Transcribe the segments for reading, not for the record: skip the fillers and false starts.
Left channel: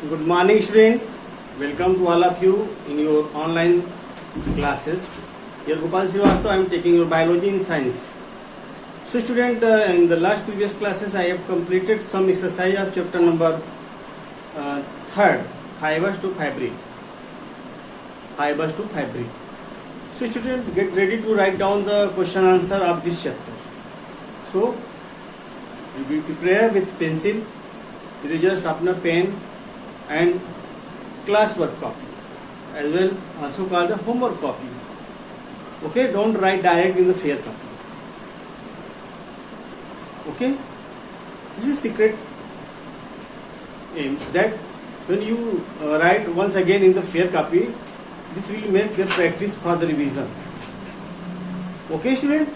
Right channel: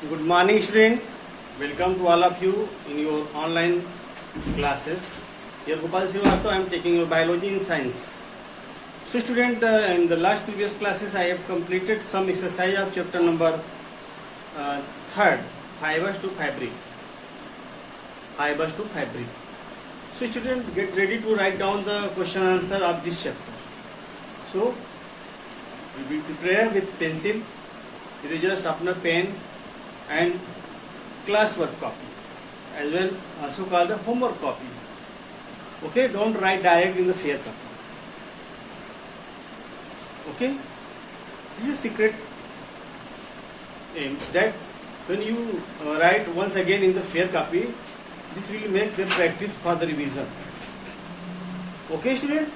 Good morning, student. Welcome to all of you in your online classes. Here Gopal Srivastava, I am taking your biology and science. So, student, in the last previous classes, I have completed some exercise of chapter number third, fibers to fabric. Fibers to fabric. So, student, get ready to write down the question answer of this chapter. So, you will prepare with pencil, eraser, sharpener, pen, and classwork copy, as well also called the homework copy. Okay, don't write direct in the fair copy. Okay, this is secret aim that when you write once again in the fair copy, this will make the practice for the revision. Okay, student.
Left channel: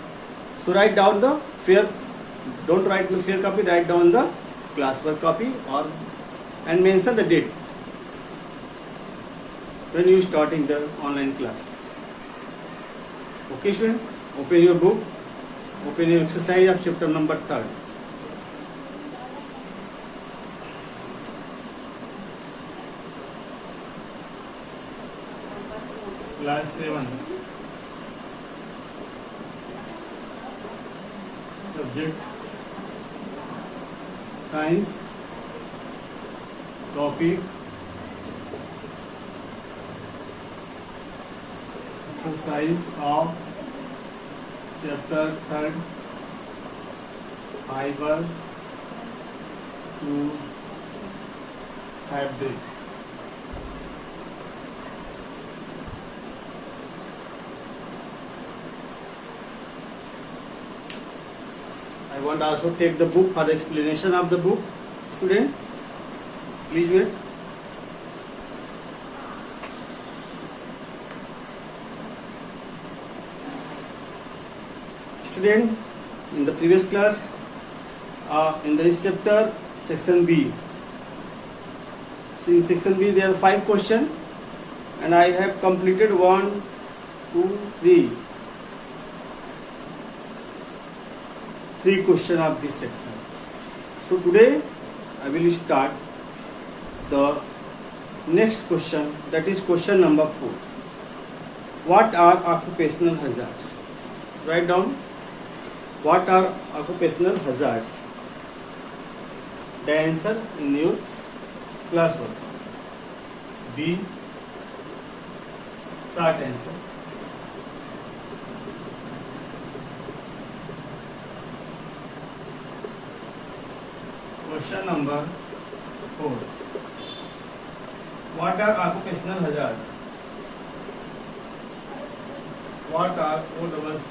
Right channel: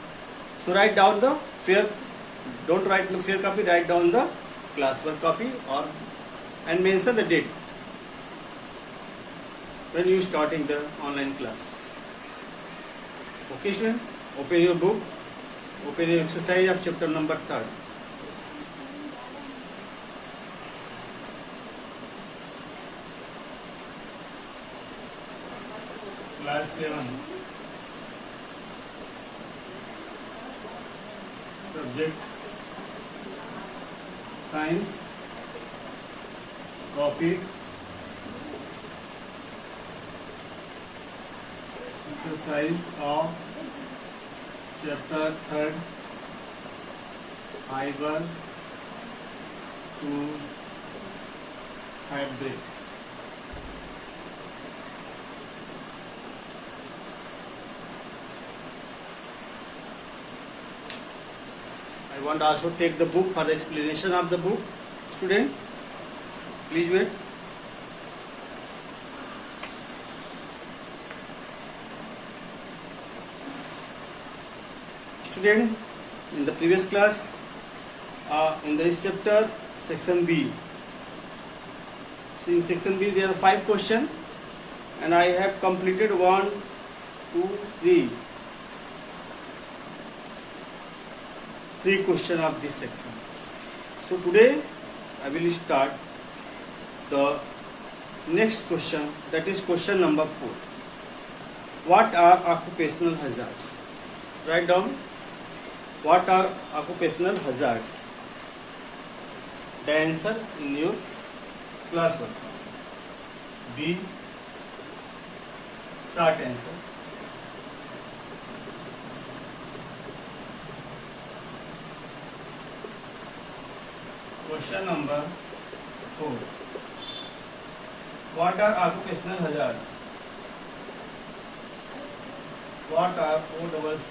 So write down the fair. Don't write in the fair copy. Write down the classwork copy and mention the date when you starting the online class. Okay, student. Open your book. Open your exercise of chapter number 3. Class 7. Subject Science. Topic exercise of chapter 3, fiber to fabric. I want also take the book for the explanation of the book. Student, please wait. Student, in the previous class, in this chapter, section B. So in section B, there are 5 questions, and I have completed 1, 2, 3. 3 questions of this section. So today, I will start the next question, that is question number 4. What are occupational hazards? Write down. What are occupational hazards? The answer in your classwork. B. Short answer. Question number 4. What are occupational hazards? What are OCCUPATIO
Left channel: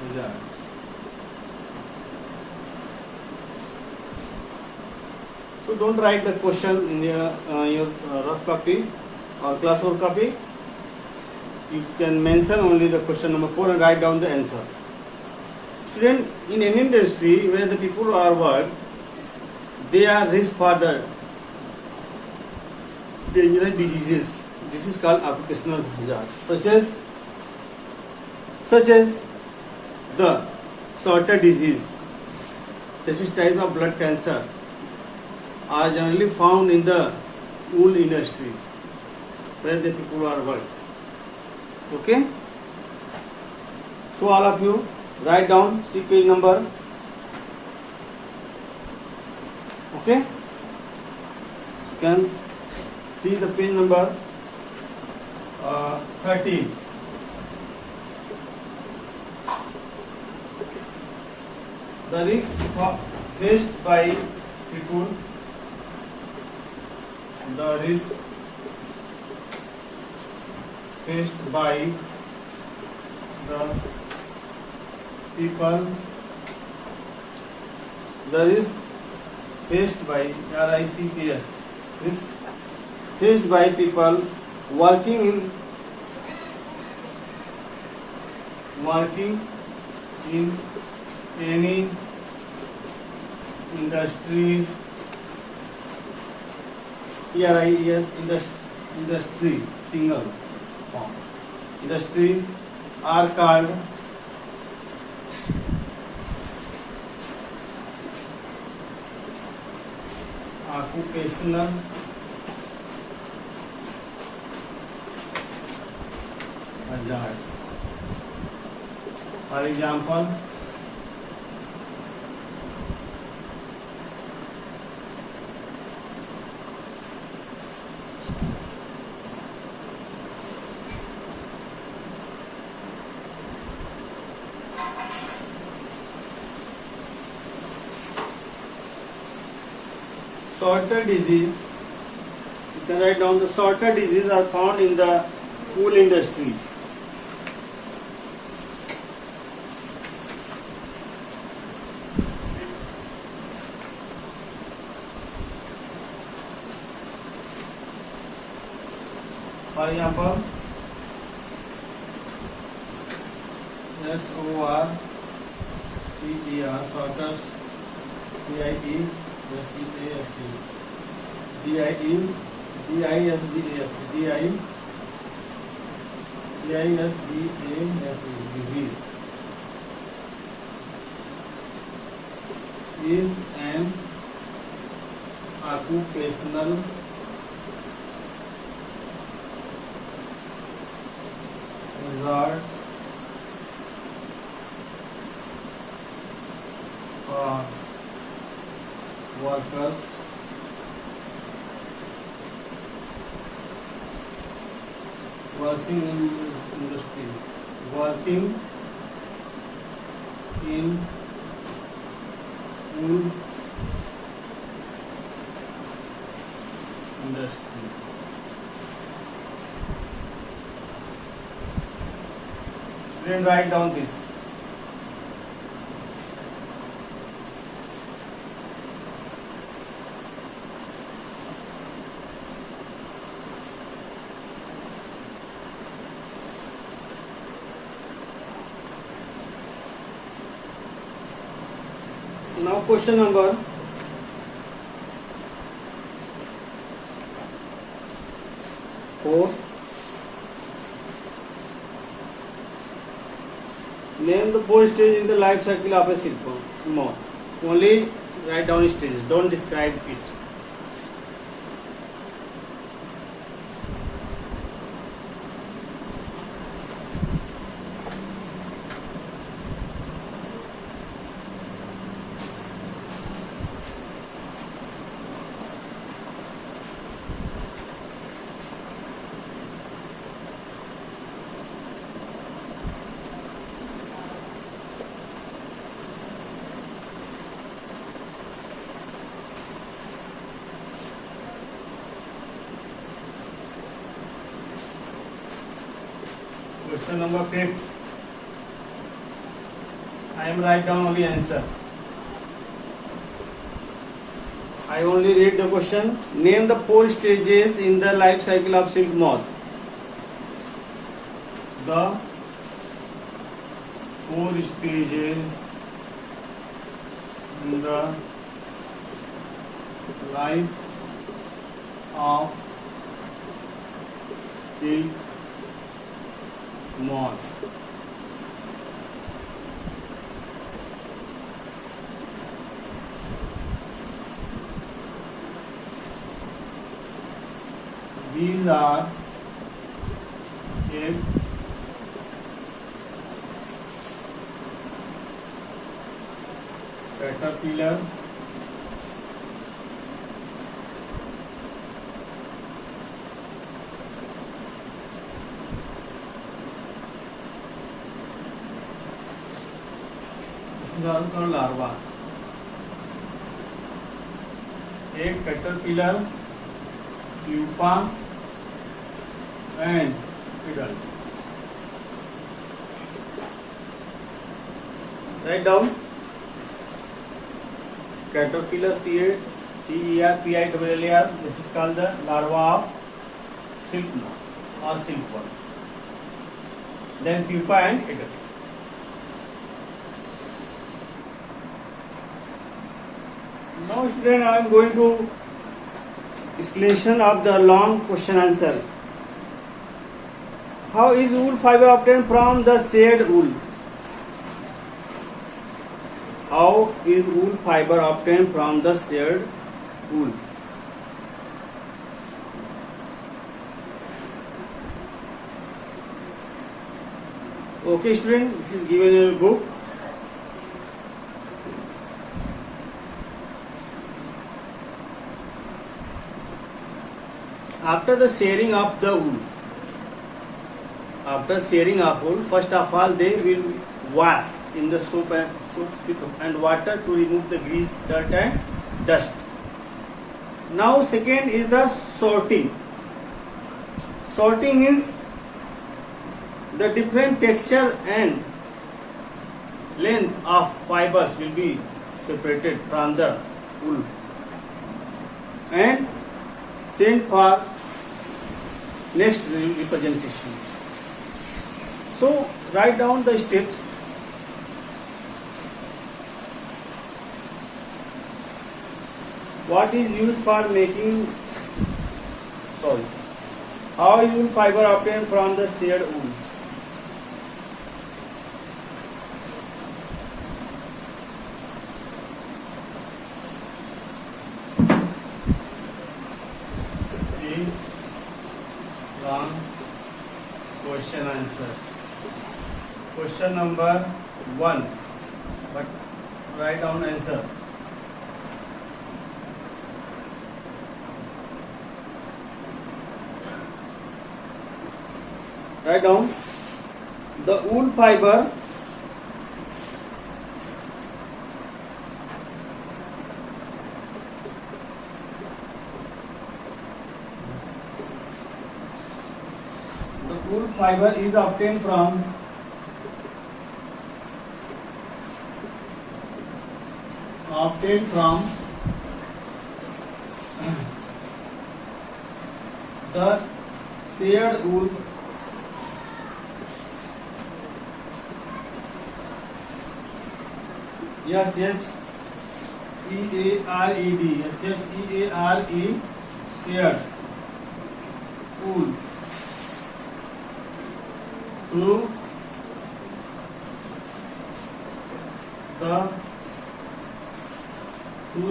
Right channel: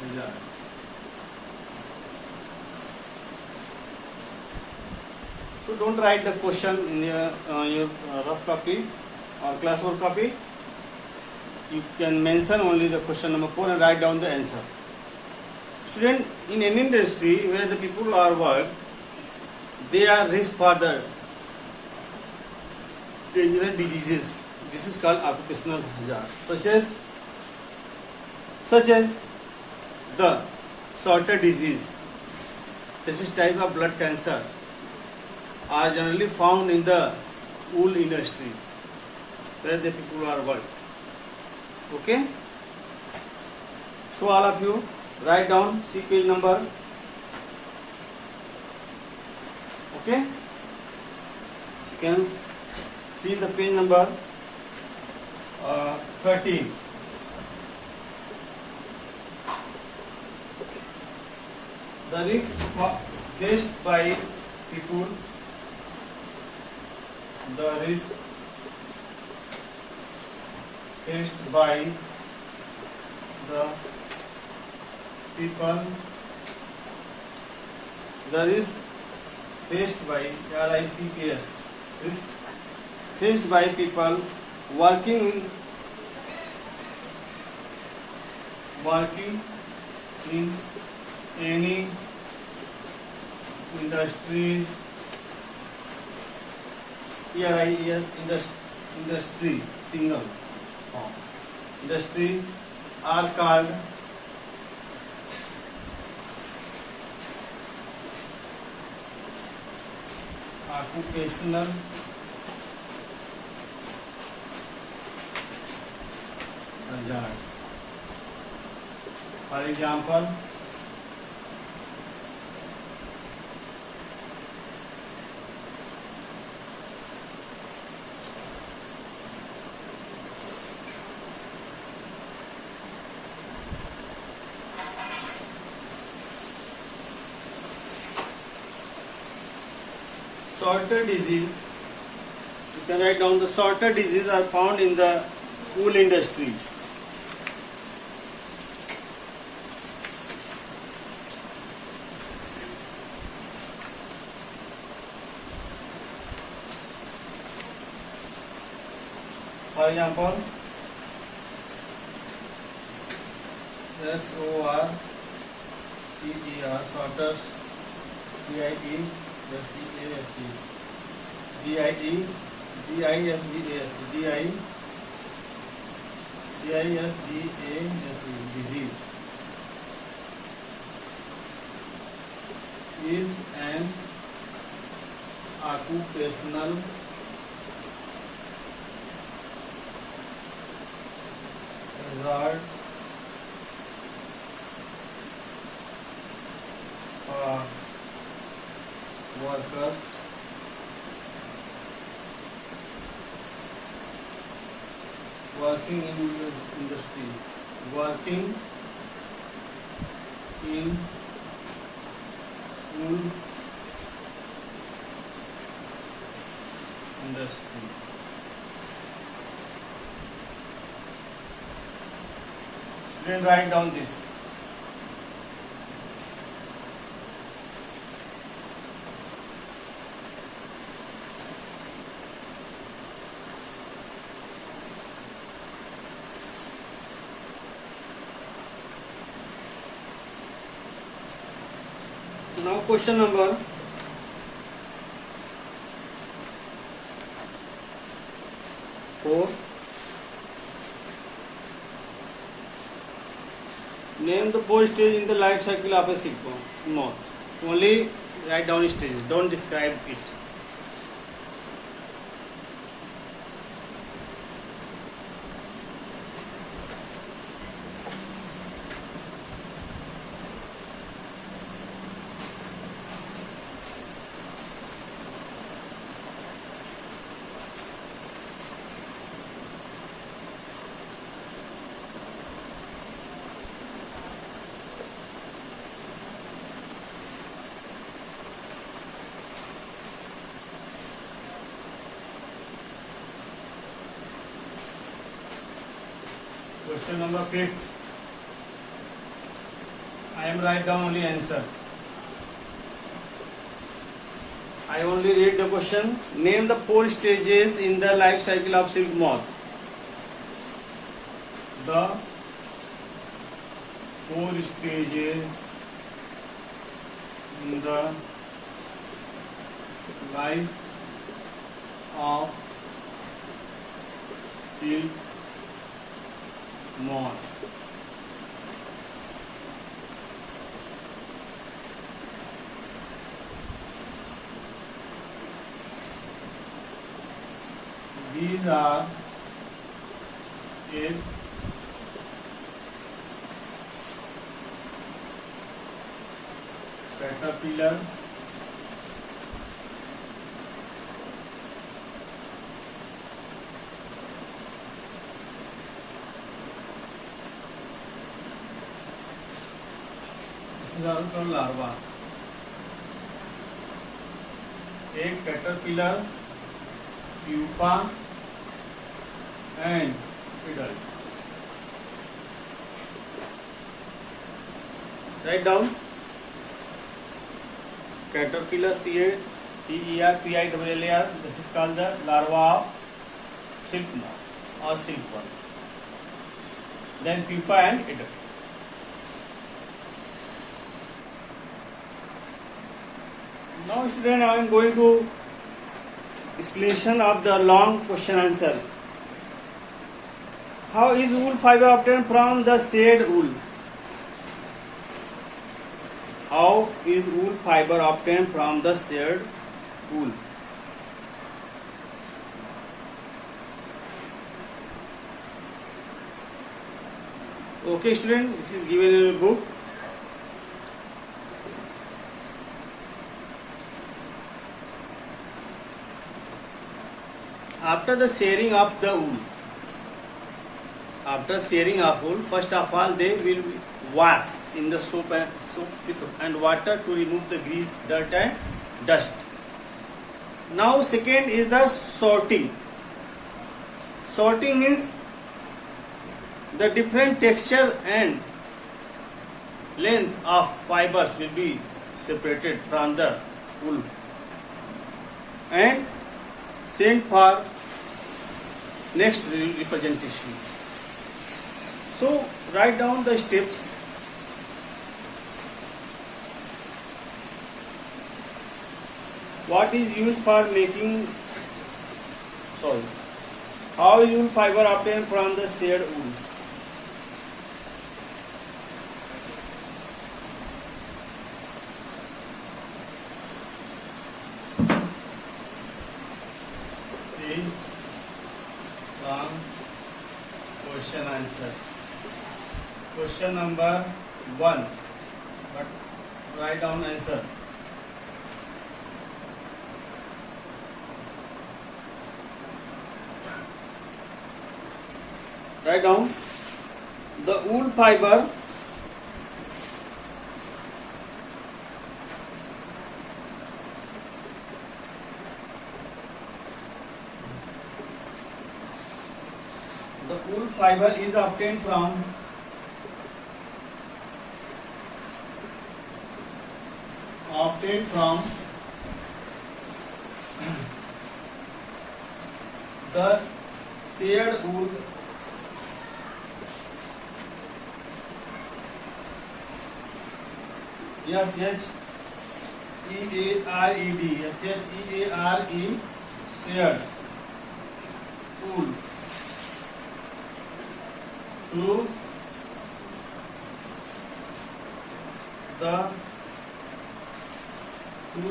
hazards? So don't write the question in your rough copy or classwork copy. You can mention only the question number 4 and write down the answer. Student, in any industry where the people are work, they are risk for the dangerous diseases. This is called occupational hazards, such as the Sorter disease. This is type of blood cancer are generally found in the wool industries where the people are work. Okay. So all of you write down, see page number. Okay. You can see the page number 30. The risks faced by people. The risk faced by the people. The risk faced by RICKS. Risk faced by people working in any industries. ERIES industry single form. Industry are called occupational hazard. For example, sorter disease. You can write down the sorter diseases are found in the wool industry. For example, SORTER, sorters, DIE, SEASE, DIE, DISEASE, disease is an occupational hazard for workers working in industry, working in wool industry. Student, write down this. Now question number 4. Name the 4 stages in the life cycle of a silk moth. Only write down stages, don't describe it. Question number 5. I am write down only answer. I only read the question. Name the 4 stages in the life cycle of silk moth. The 4 stages in the life of silk moth. These are egg, caterpillar, this is also larva, egg, caterpillar, pupa and adult. Write down caterpillar, CATERPILLAR. This is called the larva of silk moth or silkworm. Then pupa and adult. Now student, I am going to explanation of the long question answer. How is wool fiber obtained from the shade wool? How is wool fiber obtained from the shade wool? Okay, student, this is given in your book. After the shearing of the wool, first of all they will wash in the soap and water to remove the grease, dirt and dust. Now second is the sorting. Sorting means the different texture and length of fibers will be separated from the wool and sent for next representation. So write down the steps. What is used for making how is wool fiber obtained from the shade wool? One question answer. Question number 1. But write down answer. Write down the wool fiber is obtained from the shade wool SHEARED shared wool to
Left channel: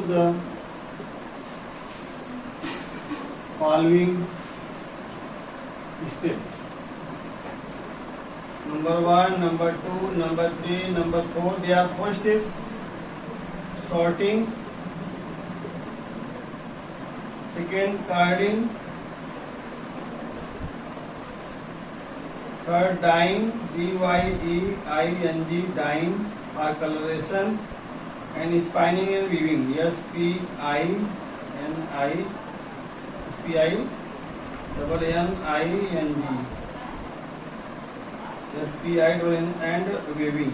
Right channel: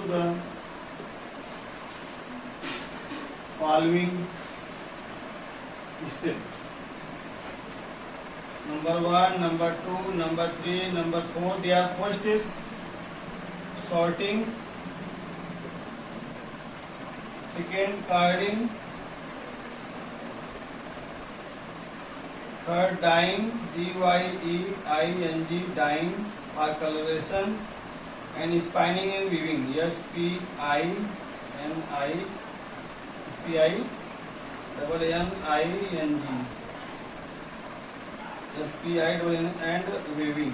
the following steps. Number 1, number 2, number 3, number 4. They are 4 steps. Sorting, second carding, third dyeing, DYEING, dyeing or coloration, and spinning and weaving, SPINNING, SPI and weaving,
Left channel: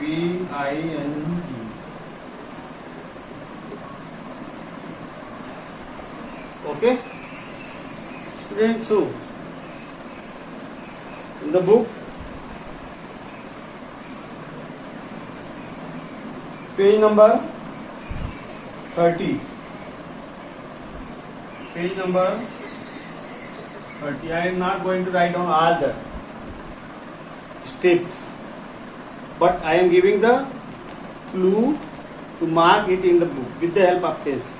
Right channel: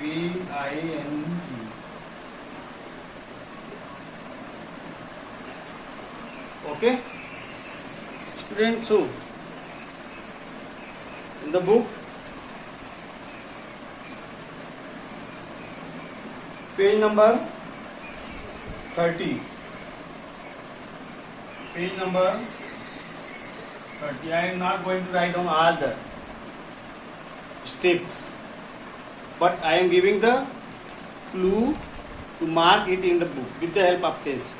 WEAVING. Okay, students. So in the book, page number 30. Page number 30. I am not going to write down all the steps, but I am giving the clue to mark it in the book with the help of this.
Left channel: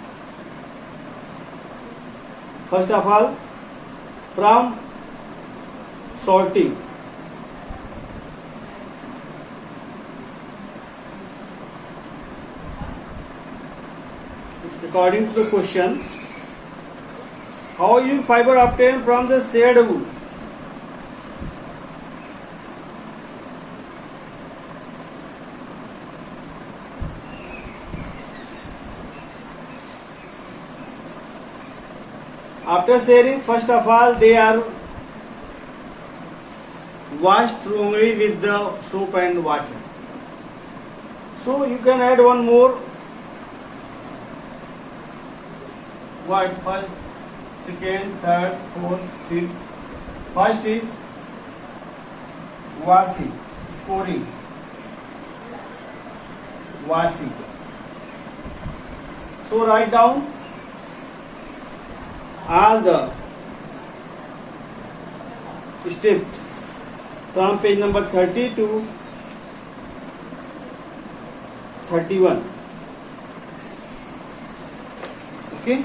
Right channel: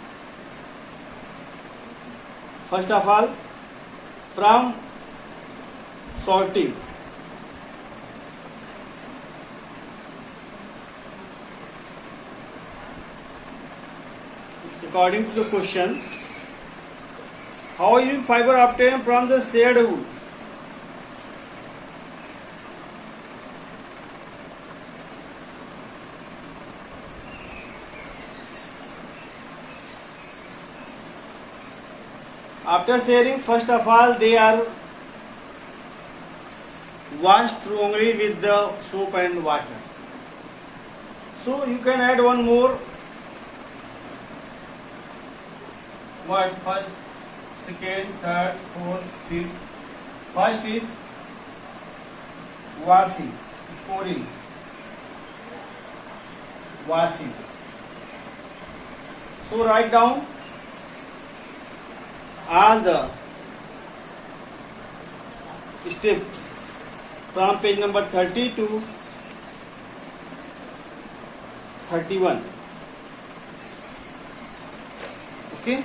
First of all, from sorting, according to the question, how is fiber obtained from the shade wool? After shearing, first of all, they are washed strongly with the soap and water. So you can add one more word: first, second, third, fourth, fifth. First is washing, scoring, washing. So write down all the steps from page number 30 to 31. Okay.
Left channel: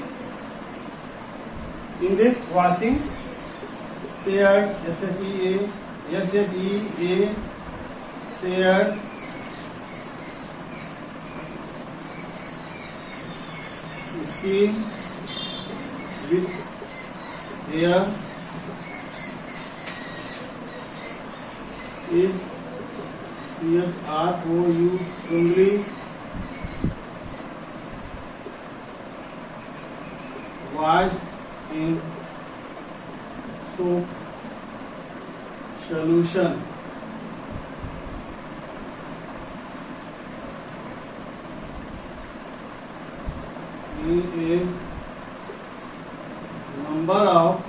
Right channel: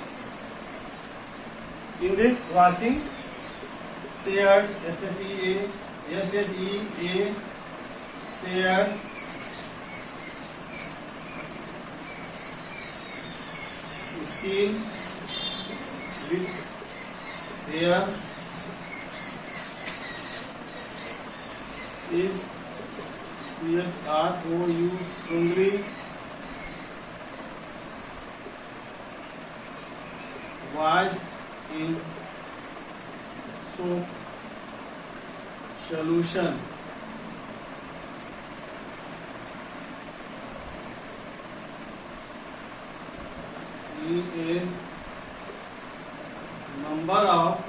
In this washing, shared, SHEA, shared skin with hair is CHROU only washed in soap solution. is number of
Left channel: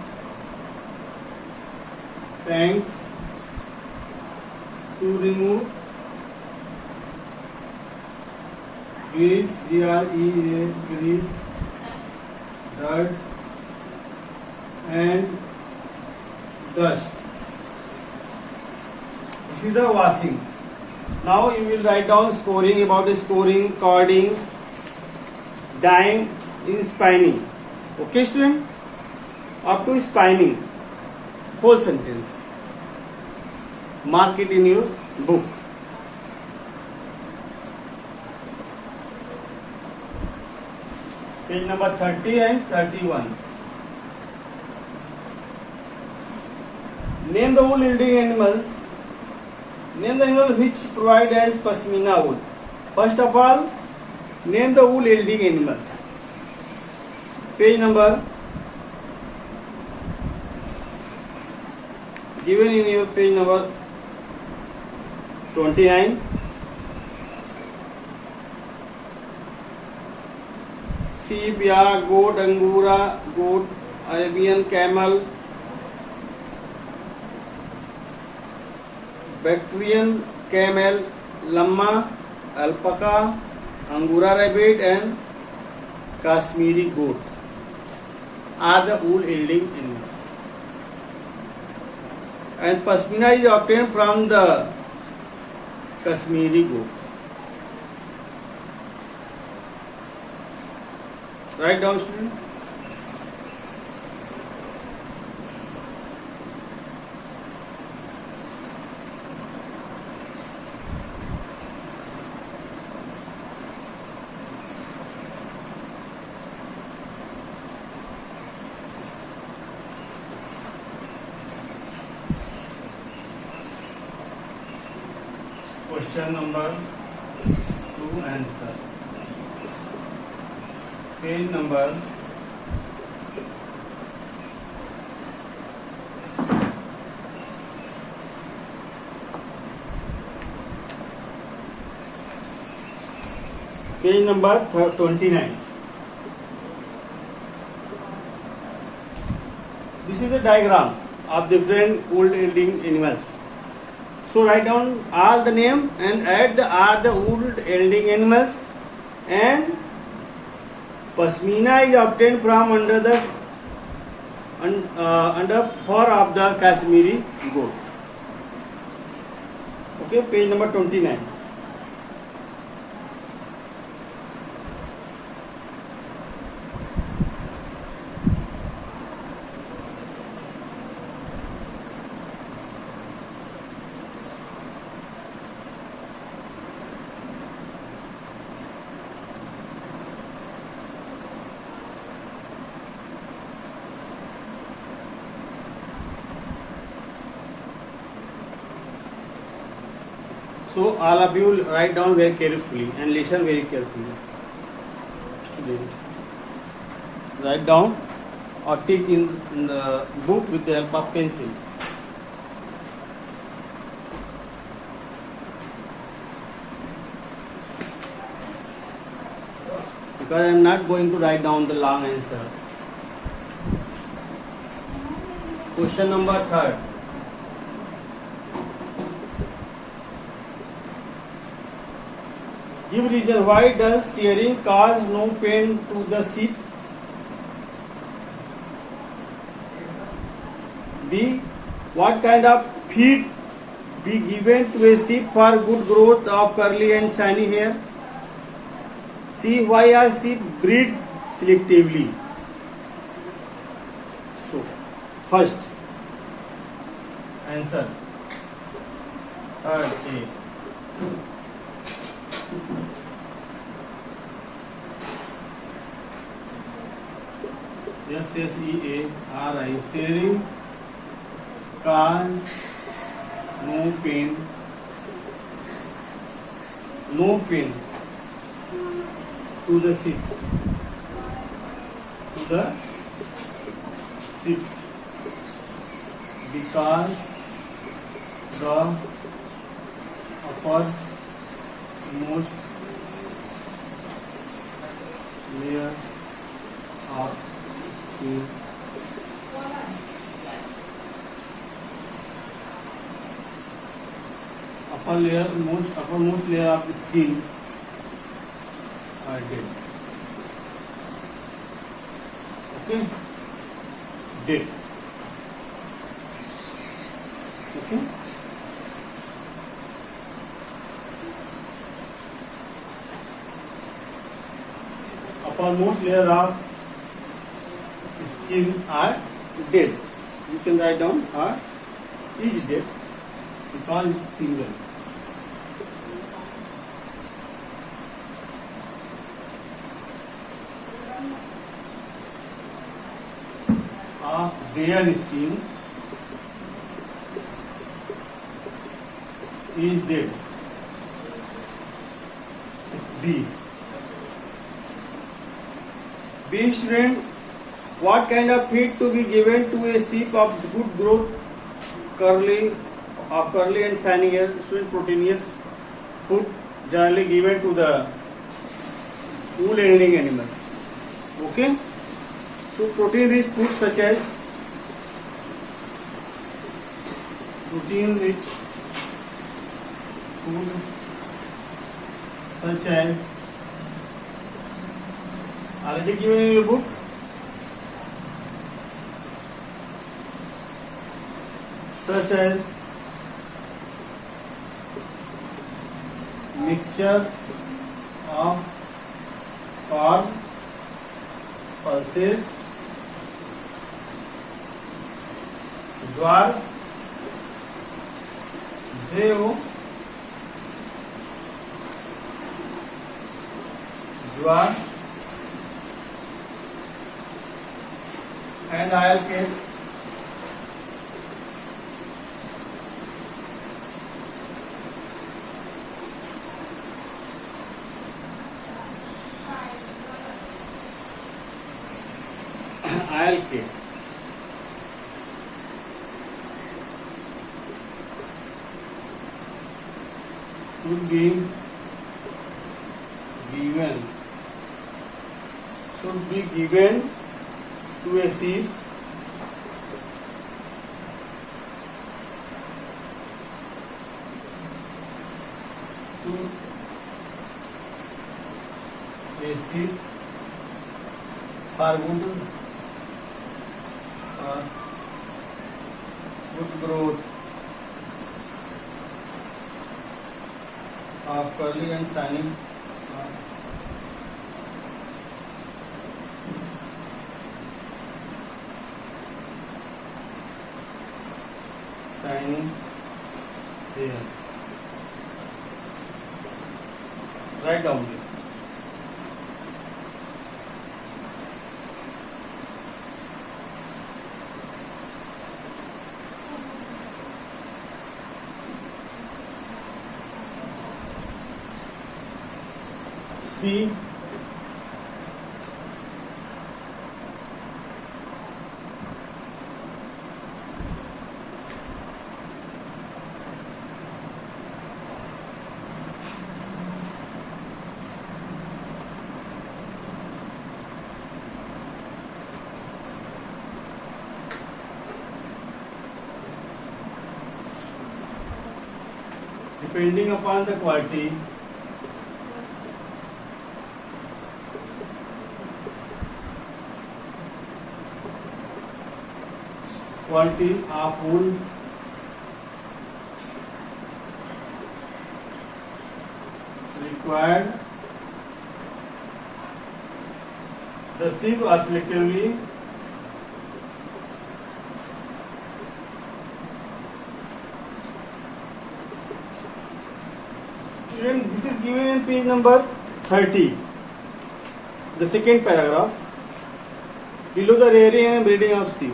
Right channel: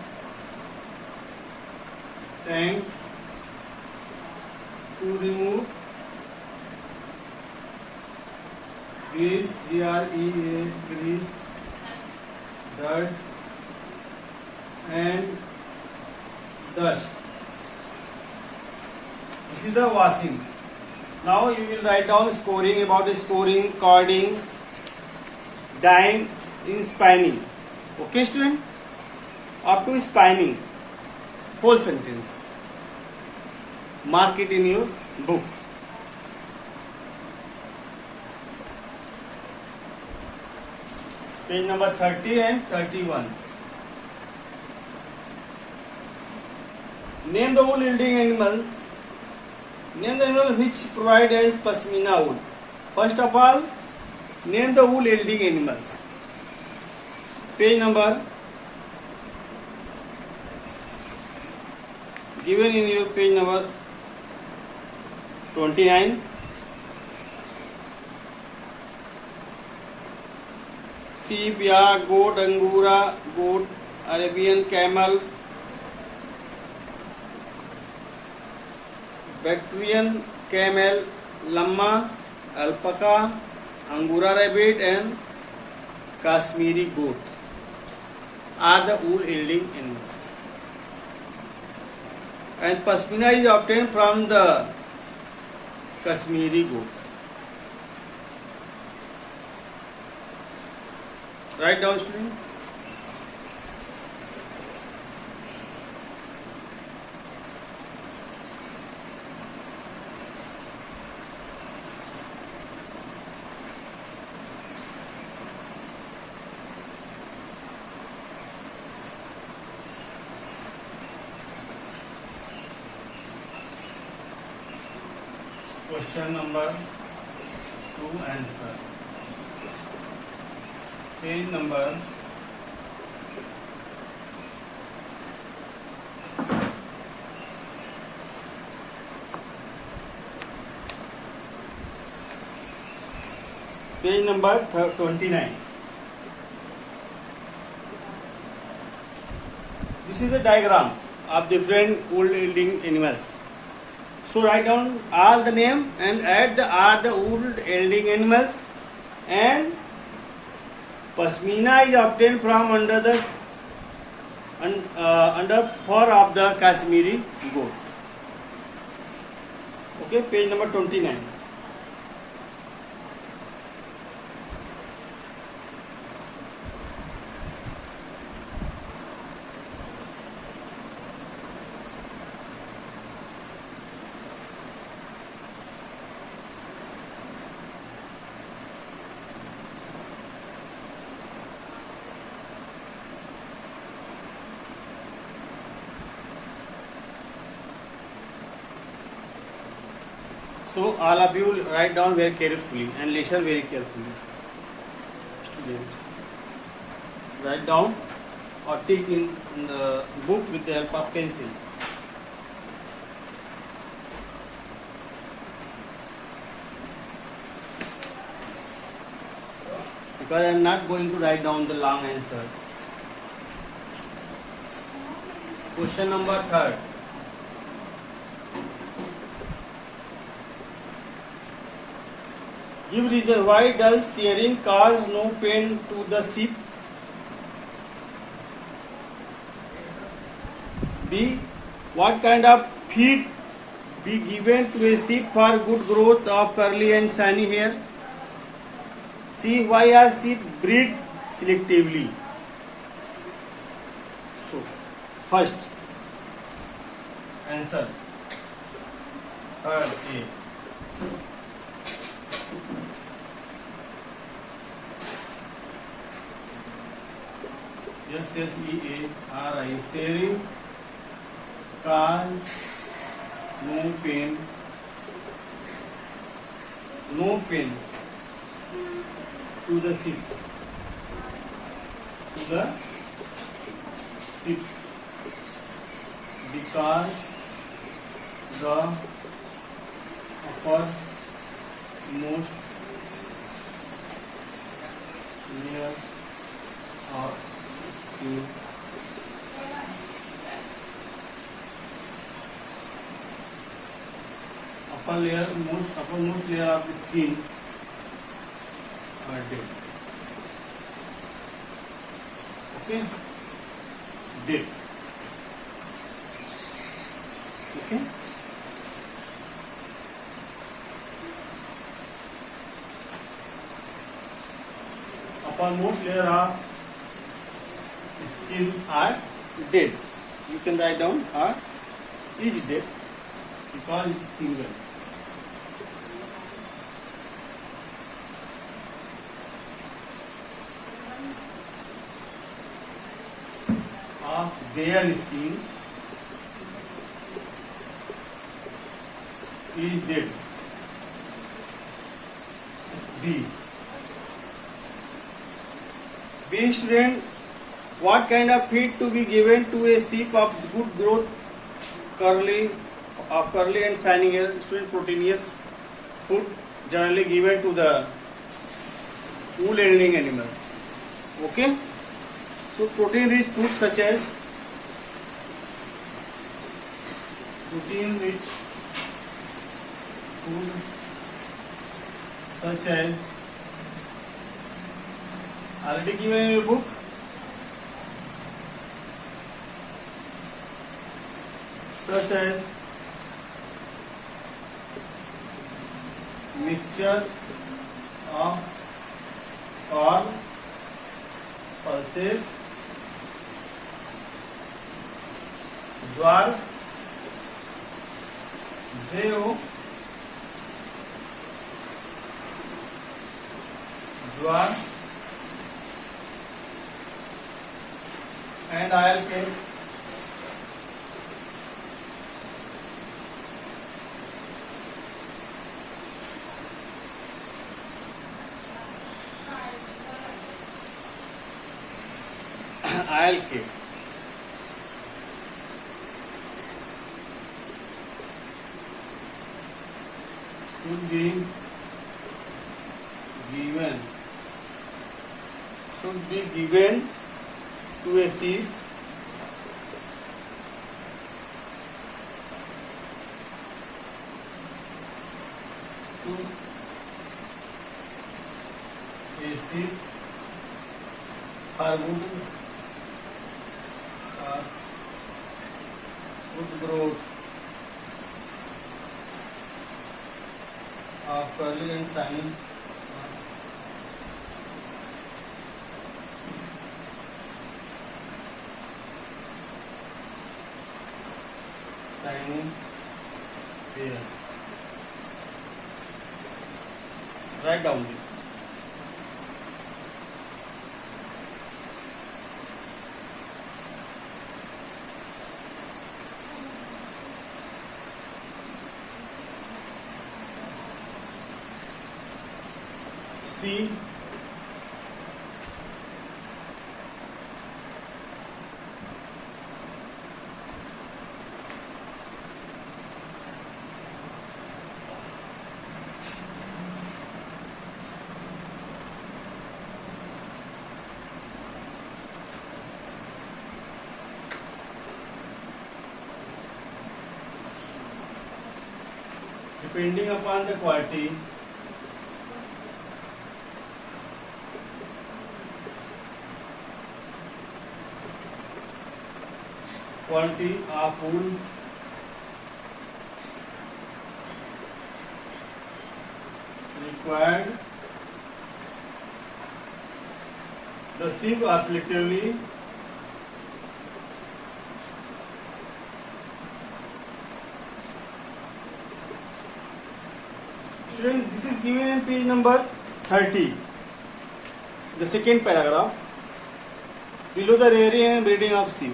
tanks to remove grease, grease, dirt and dust. This is the washing. Now you will write down scoring, about the scoring, cording, dyeing in spinning. Okay student? Up to spinning, whole sentence. Mark it in your book. Page number 30 and 31. Name the wool yielding animals. Name the animal which provide as pasmina wool. First of all, name the wool yielding animals. Page number given in your page number 29. Sheep, yak, goat, angora, goat, Arabian camel, Bactrian camel, llama, alpaca, angora rabbit and Kashmiri goat are the wool yielding animals. And pasmina is obtained from the Kashmiri goat. Write down student. Question number 2 answer. Page number 29. This is the diagram of different wool yielding animals. So write down all the name and add the are the wool yielding animals, and pasmina is obtained from under the under fur of the Kashmiri goat. Okay, page number 29. So all of you write down very carefully and listen very carefully. Student, write down or take in the book with the help of pencil. Because I am not going to write down the long answer. Question number 3. Give reason why does shearing cause no pain to the sheep? B. What kind of feed be given to a sheep for good growth of curly and shiny hair? C. Why are sheep bred selectively? So, first, Answer. Third A. SSEARI. Sharing cause no pain to the sick. Because the uppermost layer of skin uppermost layer of skin are dead. Okay, dead. Okay. Uppermost layer of skin are dead. You can write down are is dead because it's single. Of their skin is dead. D. B student, what kind of feed to be given to a sheep of good growth, curly and shiny hair? Student, proteinous food generally given to the wool laying animals. Okay. So protein rich food such as already given in your book. Such as mixture of corn, pulses, jowar, jowar and oil cake. Oil cake. Should be given to a sheep for good growth of curly and shiny hair. Write down this. C. Depending upon the quality of wool required, the sheep are selectively given in page number 30. The second paragraph. Below the rearing and breeding of sheep.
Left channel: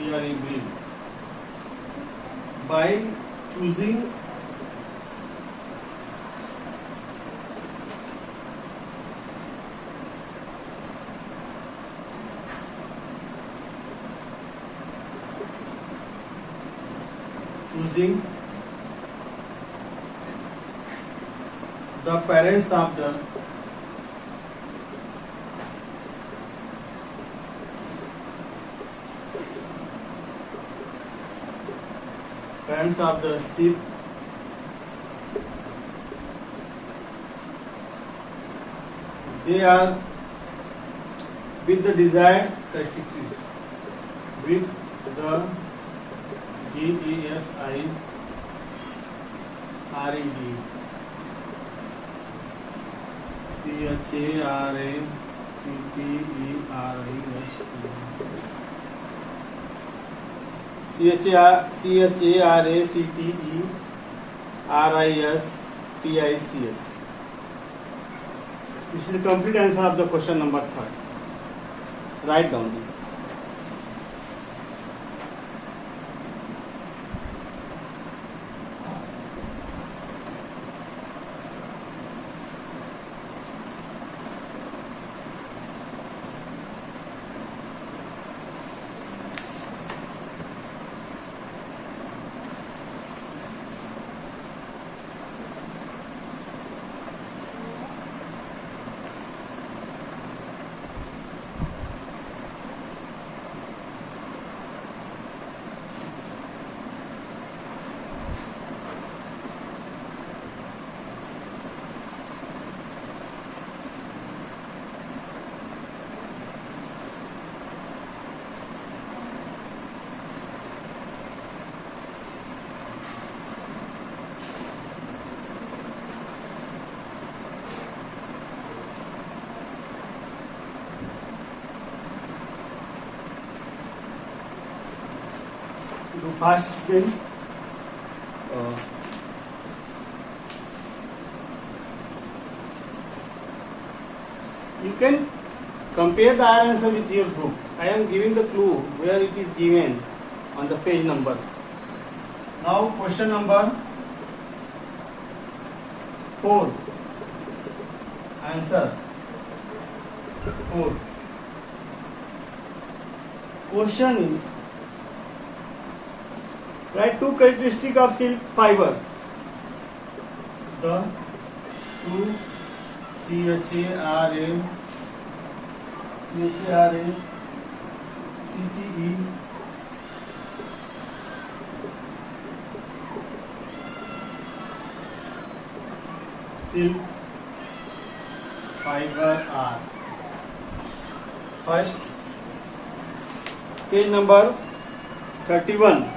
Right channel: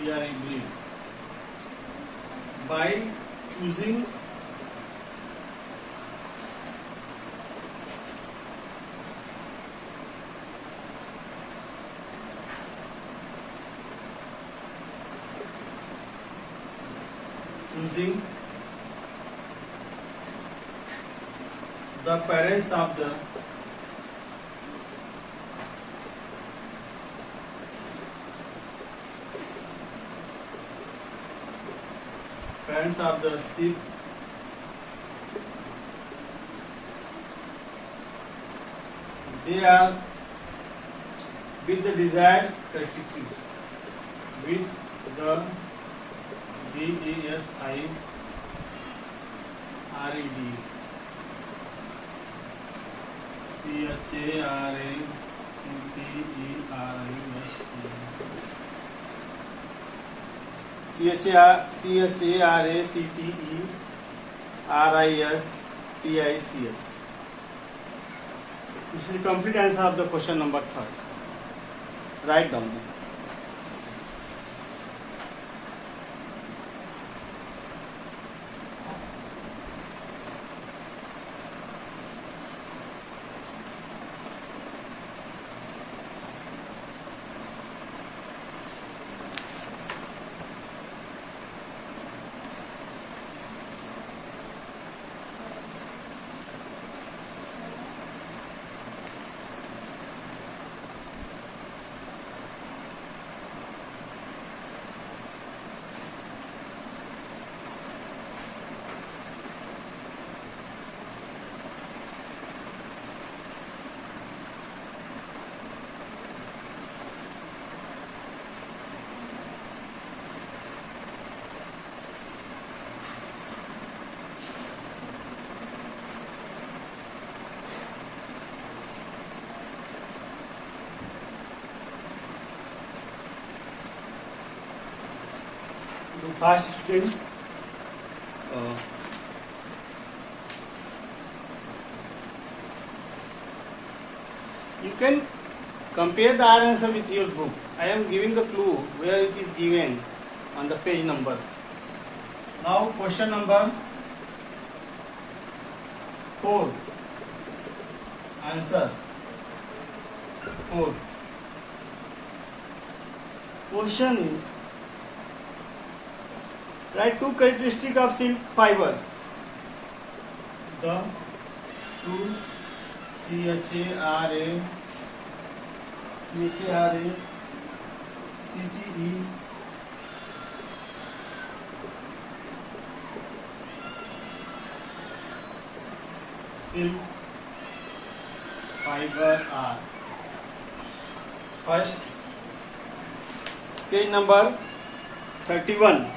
Rearing breed. By choosing the parents of the sheep they are with the desired constitute with the DESIRED CHARACTERISTICS. This is the complete answer of the question number 3. Write down this. Fast student. You can compare the answer with your book. I am giving the clue where it is given on the page number. Now question number 4. Answer 4. Question is, write 2 characteristics of silk fiber. The 2 CHARACTE silk fiber are. First, page number 31.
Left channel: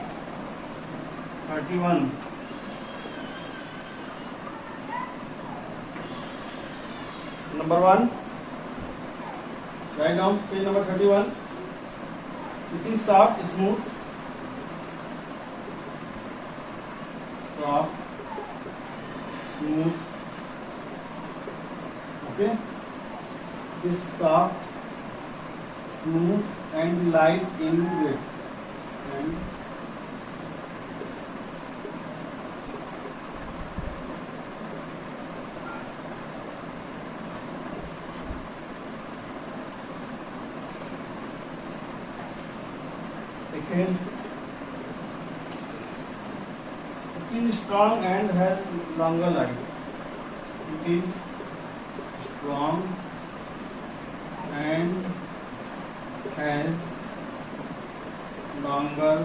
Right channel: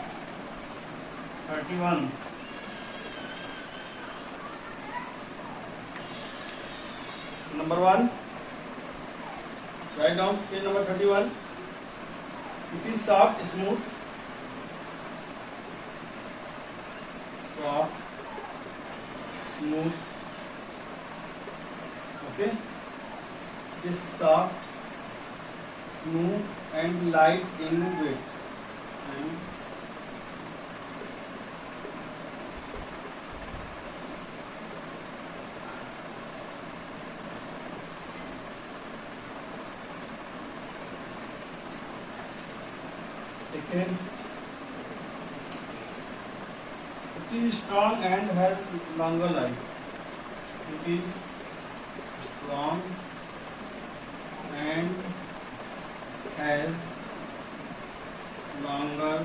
Number 1. Write down page number 31. It is soft, smooth. Soft, smooth. Okay. It is soft, smooth and light in weight. And second, it is strong and has longer life. It is strong and has longer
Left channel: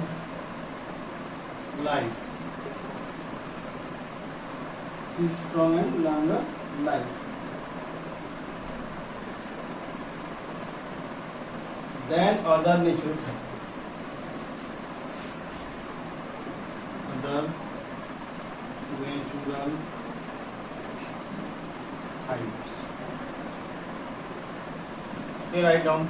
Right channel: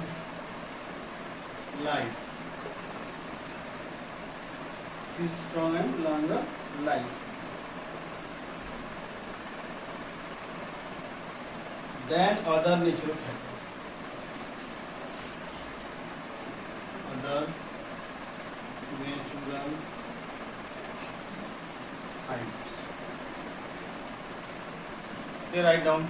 life. It is strong and longer life than other natural fibers. Other natural fibers. Here write down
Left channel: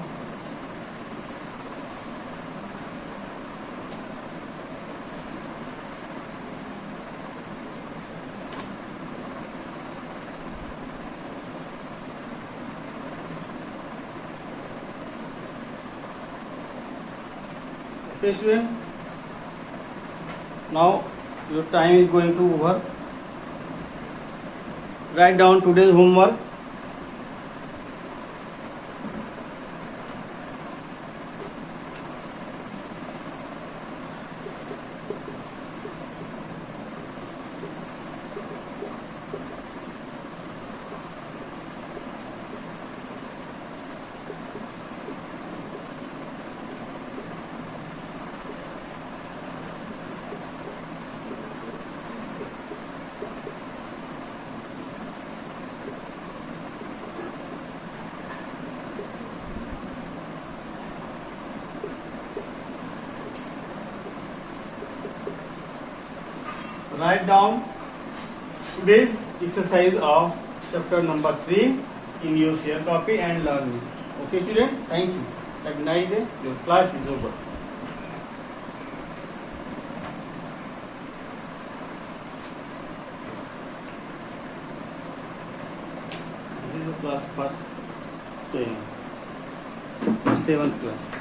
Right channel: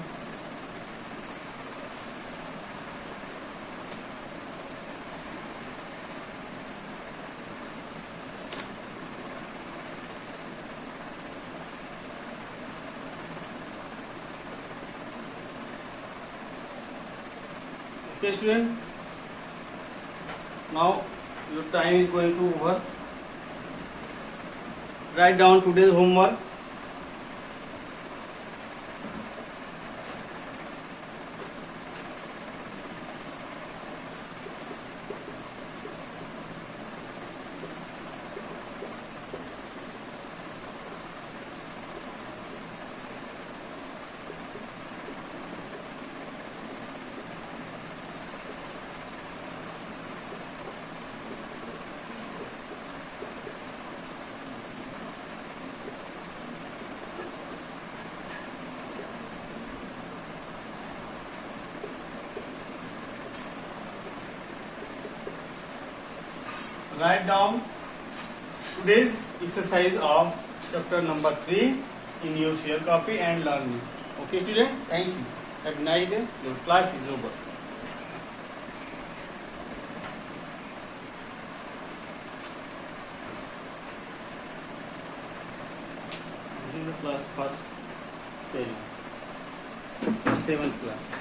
Okay, student. Now your time is going to over. Write down today's homework. Write down today's exercise of chapter number 3 in your share copy and learn it. Okay, student? Thank you. Have a nice day. Your class is over. This is the class part 7. For 7th class.